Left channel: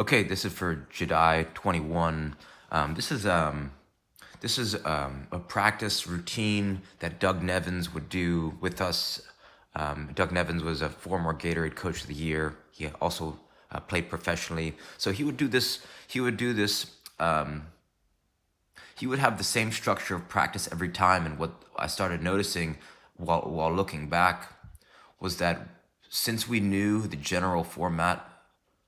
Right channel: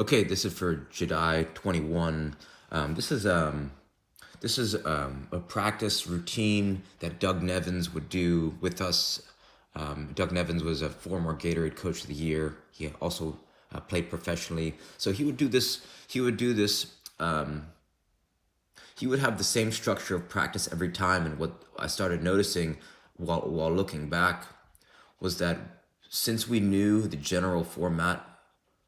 Okay, this is for Jedi 21. This is a practice routine that Doug Nevins would do with us. Doug Nevins was a former Gatorade Coach of the Year. He also played professionally, so he would do this. He would do this. He would have the same structure of practice every time. And what I started noticing while looking back was that since we knew the general format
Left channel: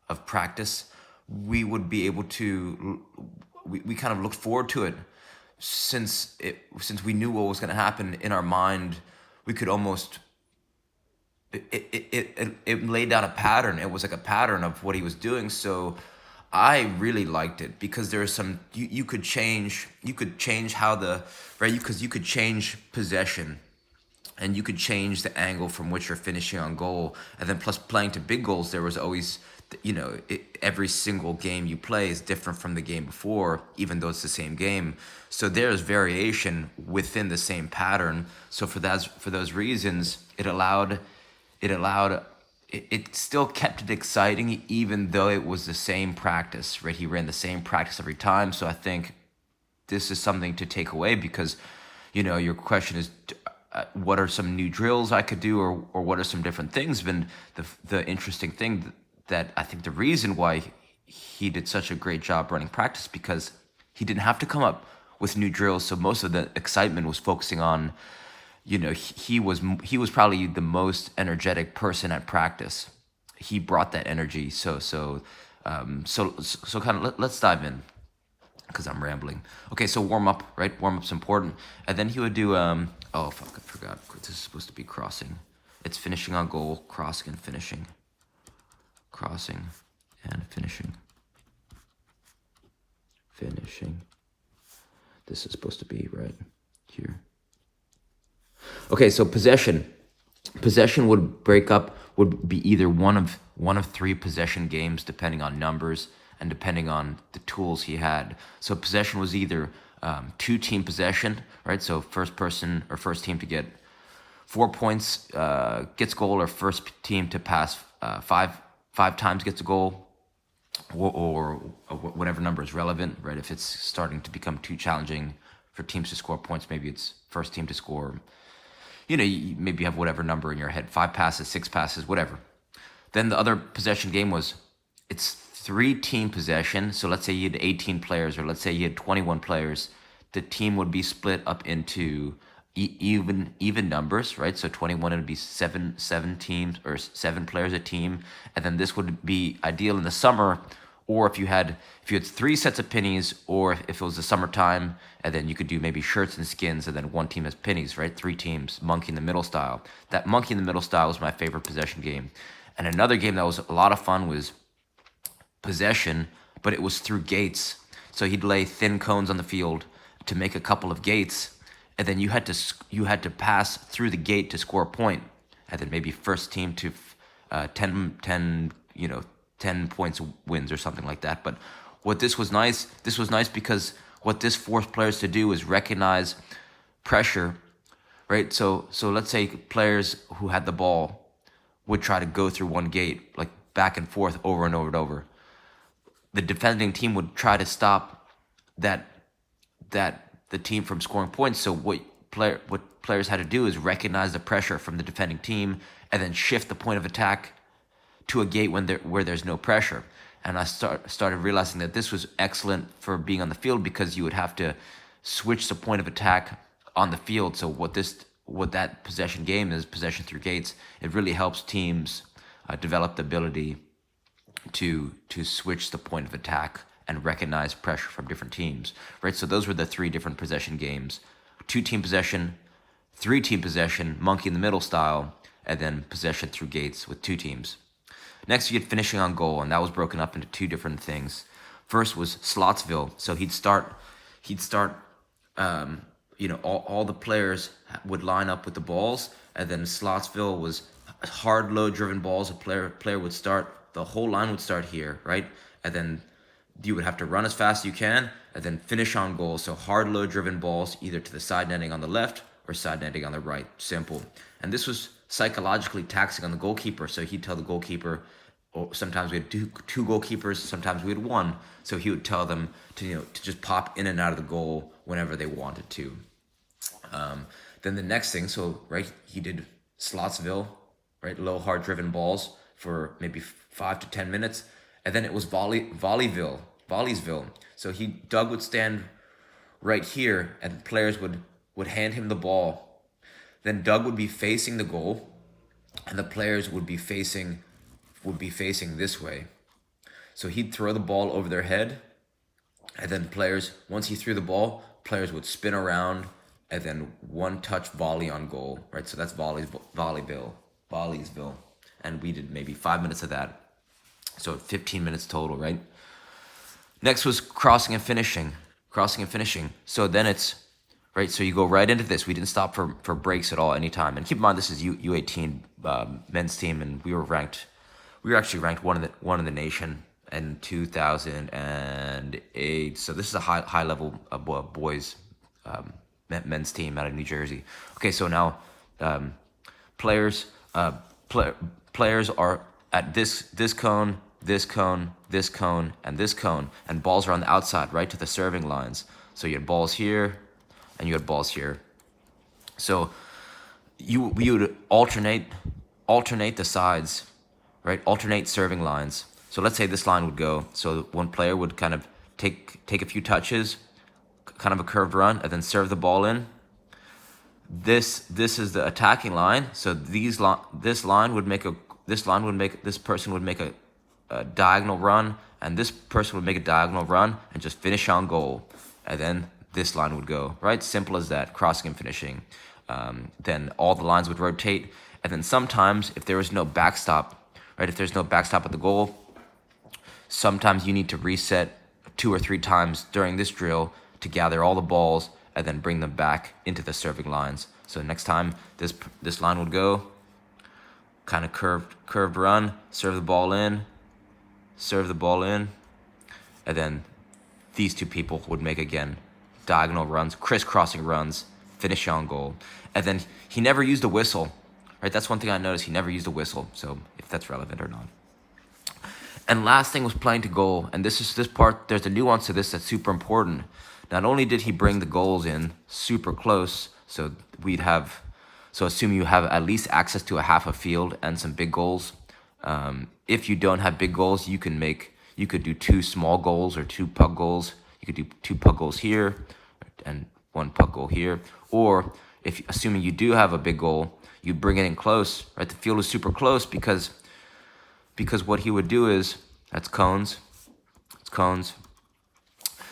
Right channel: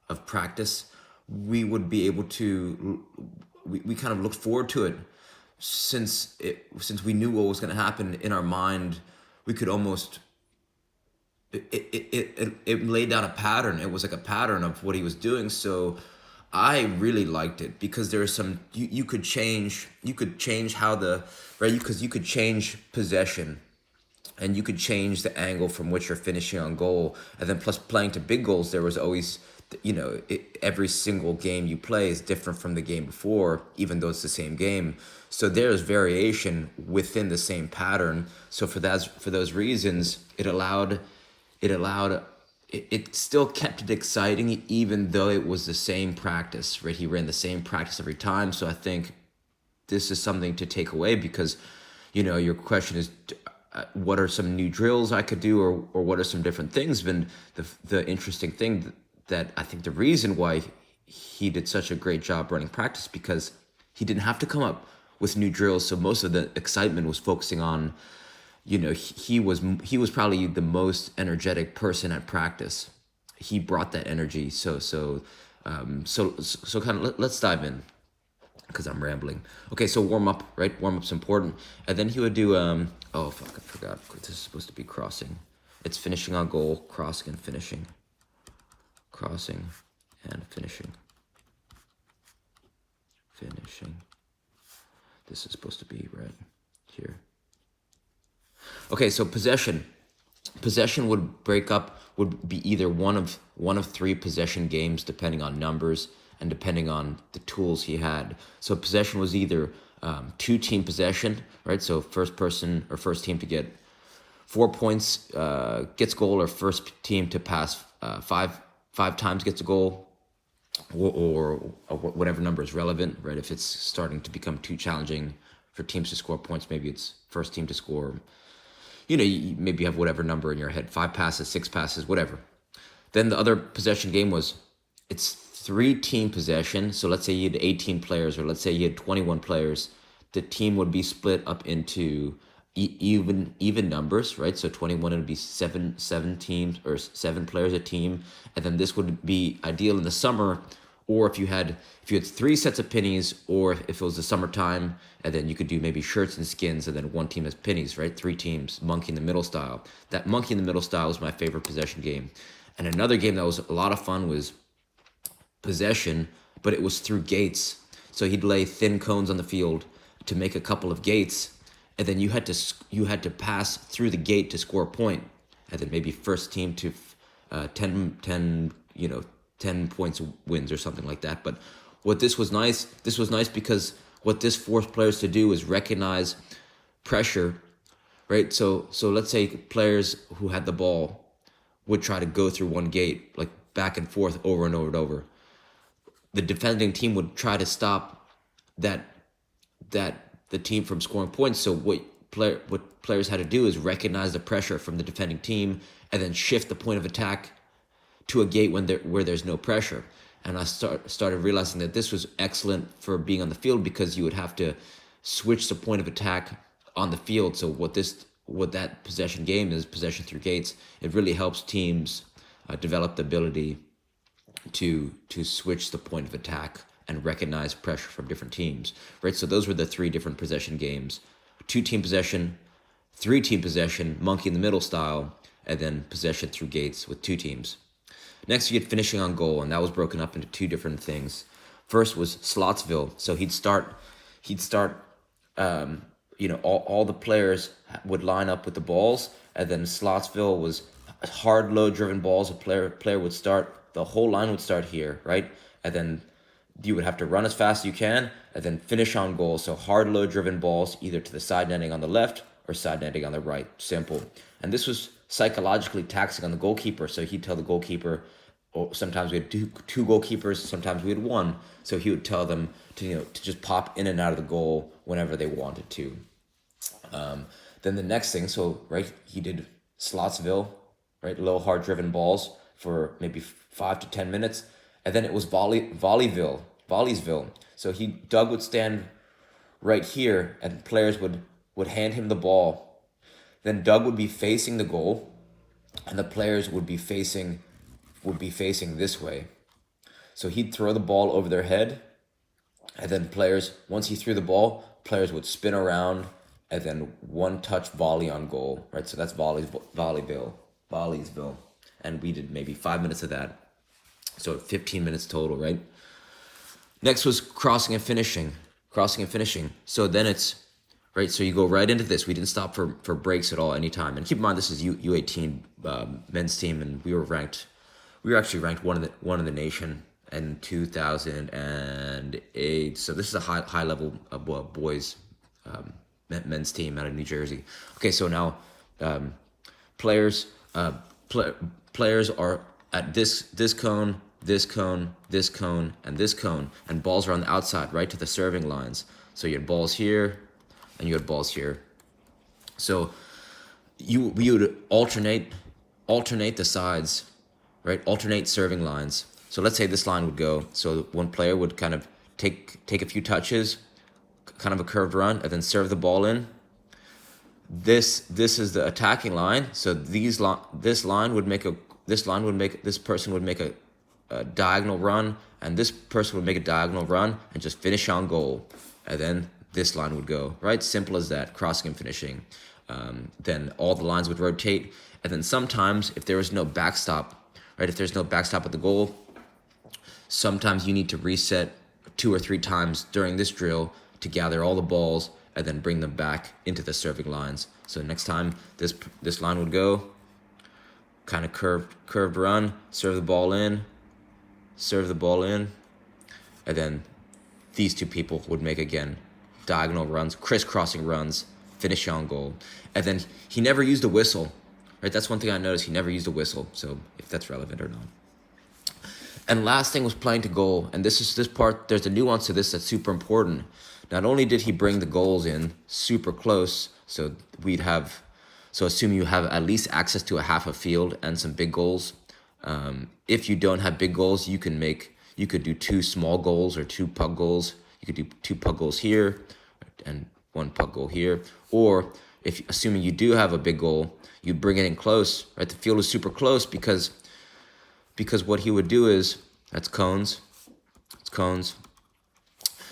of practice, we would be able to we kind of looked forward to it since we knew what was going to happen in our mind. We could almost it laid down a pattern. It was like a pattern of what he was doing. So I really liked it because there's some you could change how the right because you could change possession and you could change the angle from which you're finishing on goal. And then plus playing to big goals, there was always, every single game you play is different from the game before, even though it's the same game. So there's variation within the same pattern. So for those reasons, it still kept it exciting, even though it was the same practice, right? He ran the same practice every time. So I think this is something to take away because, your question is, what are some new drills I could do, or what are some different things? But the interesting thing that I think the reason why he did such a great job running practice because he didn't have to come up with new drills. So most of the excitement was focusing on, he was probably the most energetic person at practice. He brought that energy. So kind of let's dive in because I'm rambling. Okay, so warm up, right? Warm up's important. And then he would do oh fuck, I forgot. This is supposed to be crossing. It's finishing on goal, crossing and finishing. Crossing and finishing. Finishing. This is supposed to be right here. Okay, so possession. Possession would be either one of three possession games depending on numbers and depending on the tools he had. So possession was either two-team possession, right? So first person or first team to get 4 points gets goal, or first team to pass five times gets a goal, or whatever number is relevant, right? If it's starting to become too challenging for teams to score points, maybe it's first team to score. You maybe have whatever number in your head, 5 passes, 6 passes, whatever. Then the other possession game it's 3-team possession. So let's say you had 18 players, or let's say you had 21 players. The team would be split up into even numbers, right? So 21 would be seven teams, or 7 players a team, and then this would be ideal in the summer, or if you had 3 sets of pennies, or if it was the summertime, and then you could do maybe shirts and skins, and then one team has pennies, right? 3 teams, monkey in the middle style. That monkey in the middle style was my favorite possession game. And another game that was a lot of fun was possession, but it was through gates. So he'd lay thin cones on the field to make a couple of gates, and then you had to pass through the gate to score a point, and then maybe first team to 10 points wins or something like that. But this was nice because what this forced players to do is recognize pressure, right? So let's say players who had the ball would try to go through one gate, like back and forth over and over and over. The defending team would try to stop the team from scoring points. So what players had to do is recognize the pressure from the defending team and then shift the point of attack to a gate where there's no pressure. And I started realizing that this was excellent for being on the field because you would have to switch the point of attack on the field. So what that possession game is, possession through gates, it really helps teams develop the ability to switch the point of attack and recognize pressure from different teams, right? So those were the 3 different possession games: 2-team possession, 3-team possession, monkey in the middle style, and then possession through gates with 2 teams. Next, you get finishing on goal, and that was broken up into 2 different things. First was Slotsville. So he'd start. All the players would line up with the balls, and then Slotsville was hard low driven balls. A player would start. The whole line would start here, right? And then you would have to run as fast as you can, and then finish on goal. So hard low driven balls, either to the side netting on the left or side netting on the right. Simple. And this was psychologically taxing on the goalkeeper. So he'd tell the goalkeeper, or sometimes we had two goalkeepers, sometimes we had one. So he would tell them to just pop in and out of the goal whenever they wanted to. Then the next thing, so right, he did Slotsville, right, low hard driven balls for maybe 5 to 10 minutes, and then it was Volleysville. So Doug would stand right here, and players would hand him the ball. Then Doug would be facing the goal, and the players would be facing this way. So he'd throw the ball over their head, and then once he threw the ball, players would spin around, and then one touch volley on goal, right? So that's Volleysville. And we did maybe 5 minutes of that. So 15 minutes total, right? Next was crossing and finishing. So then it's, right, so you go right into this. We didn't stop for breaks at all, anytime. And keep in mind, this is U18 men's team, and we were actually ranked one in the nation in 2008. So this is a high level boys men's team out of New Jersey. Okay, so now players are at this cone, this cone, this cone, and this cone, and balls are on the outside, right to the serving lines. So you had balls here, and you had balls here. So we would alternate the sides, right? Alternate serving lines. So let's say this line would go. So one player would kind of take a few touches, kind of a curved run, and then serve the ball in. This is the attacking line. So this person would make a diagonal run, and this person would make a diagonal run and just finish on goal. And then this line would go, right? Simple as that, crossing and finishing. Then all the lines would rotate. And then sometimes if there was no backstop, right? If there's no backstop at the goal, sometimes you need to reset 2 or 3 times during this drill to gather all the balls and then bring them back into the serving lines. So next time this line would go, kind of curved run, serve the ball in, and then these two people would make again diagonal runs, crisscrossing runs, finish on goal. And then he never used a whistle, right? That's one thing I noticed. He never used a whistle. So if that's relevant or not. And last thing was playing to goal. And this part, there's a nuance to this that's super important. Not only did he bring the goals in super close, so assume you have at least access to a half a field and some big goals. If you don't have big goals, you could do 2 small goals or 2 puck goals. You could do 2 puck goals here and 1 puck goal here. Or assuming you do have a big goal, you bring it in close, right? The field is super close because what he would do is, that's cones. It's cones.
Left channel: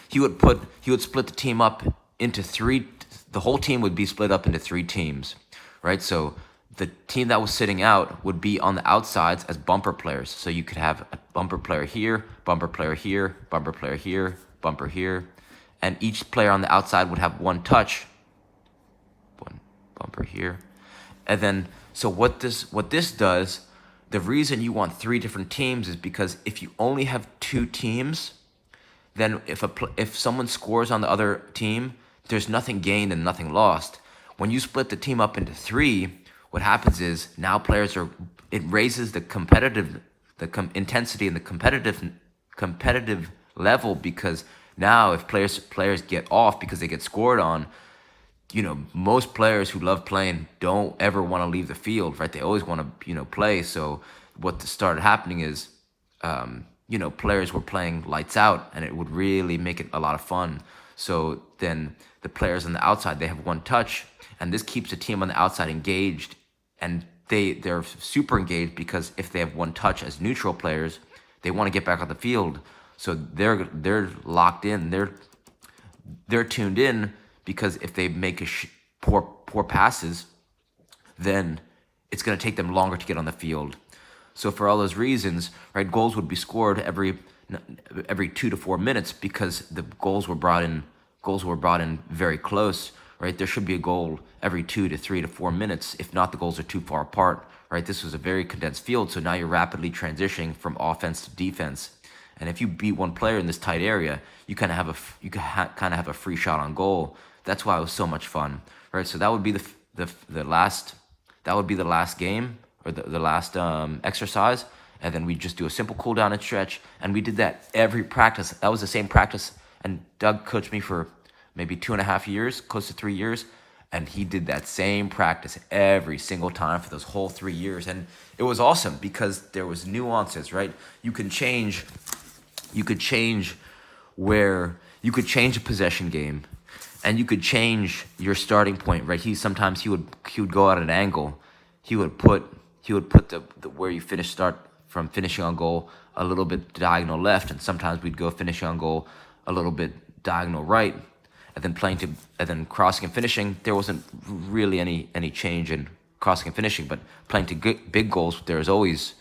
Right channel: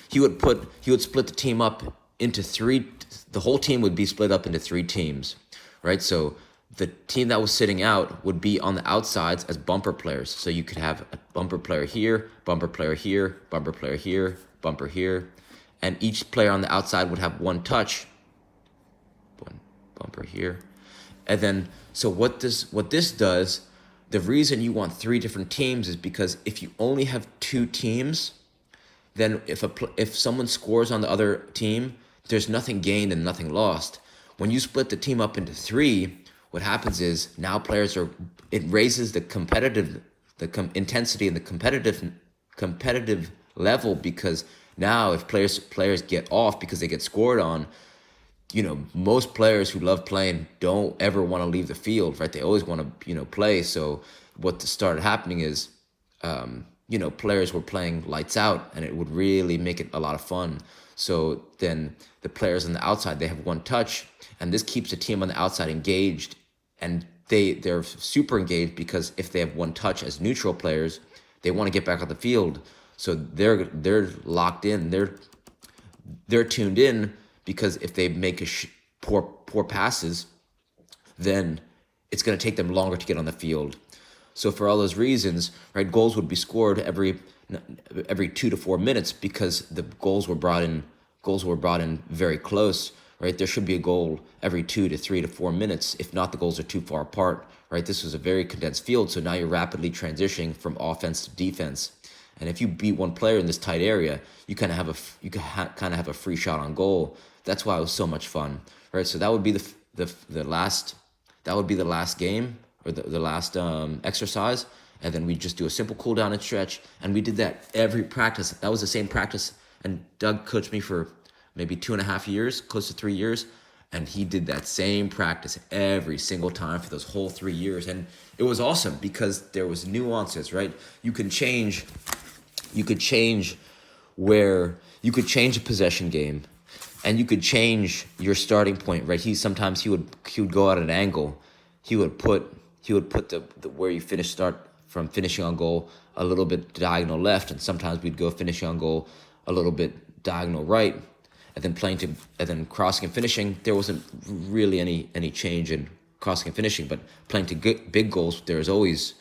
He would split the team up into 3. The whole team would be split up into 3 teams, right? So the team that was sitting out would be on the outsides as bumper players. So you could have a bumper player here, bumper player here, bumper player here, bumper here, and each player on the outside would have 1 touch, 1 bumper here. And then, so what this does, the reason you want 3 different teams is because if you only have 2 teams, then if someone scores on the other team, there's nothing gained and nothing lost. When you split the team up into 3, what happens is now it raises the intensity and the competitive level, because now if players get off because they get scored on, most players who love playing don't ever want to leave the field, right? They always want to, play. So what started happening is, players were playing lights out, and it would really make it a lot of fun. So then the players on the outside, they have 1 touch, and this keeps the team on the outside engaged, and they're super engaged because if they have 1 touch as neutral players, they want to get back on the field. So they're locked in, they're tuned in, because if they make poor passes, then it's going to take them longer to get on the field. So for all those reasons, right, goals would be scored every 2 to 4 minutes because the goals were brought in very close, right? There should be a goal every 2 to 3 to 4 minutes. If not, the goals are too far apart, right? This was a very condensed field, so now you're rapidly transitioning from offense to defense. And if you beat one player in this tight area, you kind of have a free shot on goal. That's why it was so much fun, right? So that would be the last game, or the last exercise. and then we'd just do a simple cool down and stretch. And we did that every practice. That was the same practice. And Doug coached me for maybe 2.5 years, close to 3 years. And he did that same practice every single time for those whole 3 years. And it was awesome because there was nuances, right? You could change you could change a possession game, and you could change your starting point, right? He would go at an angle. He would put the where you start from finishing on goal a little bit diagonal left, and sometimes we'd go finishing on goal a little bit diagonal right, and then crossing and finishing. There wasn't really any change in crossing and finishing, but playing to big goals, there's always,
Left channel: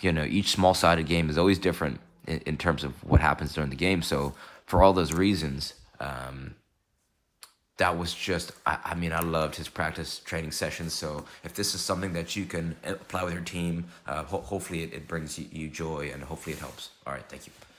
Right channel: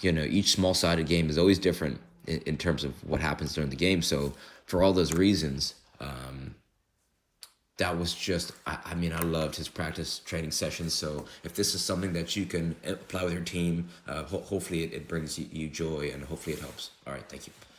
each small-sided game is always different in terms of what happens during the game. So for all those reasons, that was just, I loved his practice training sessions. So if this is something that you can apply with your team, hopefully it brings you joy, and hopefully it helps. All right, thank you.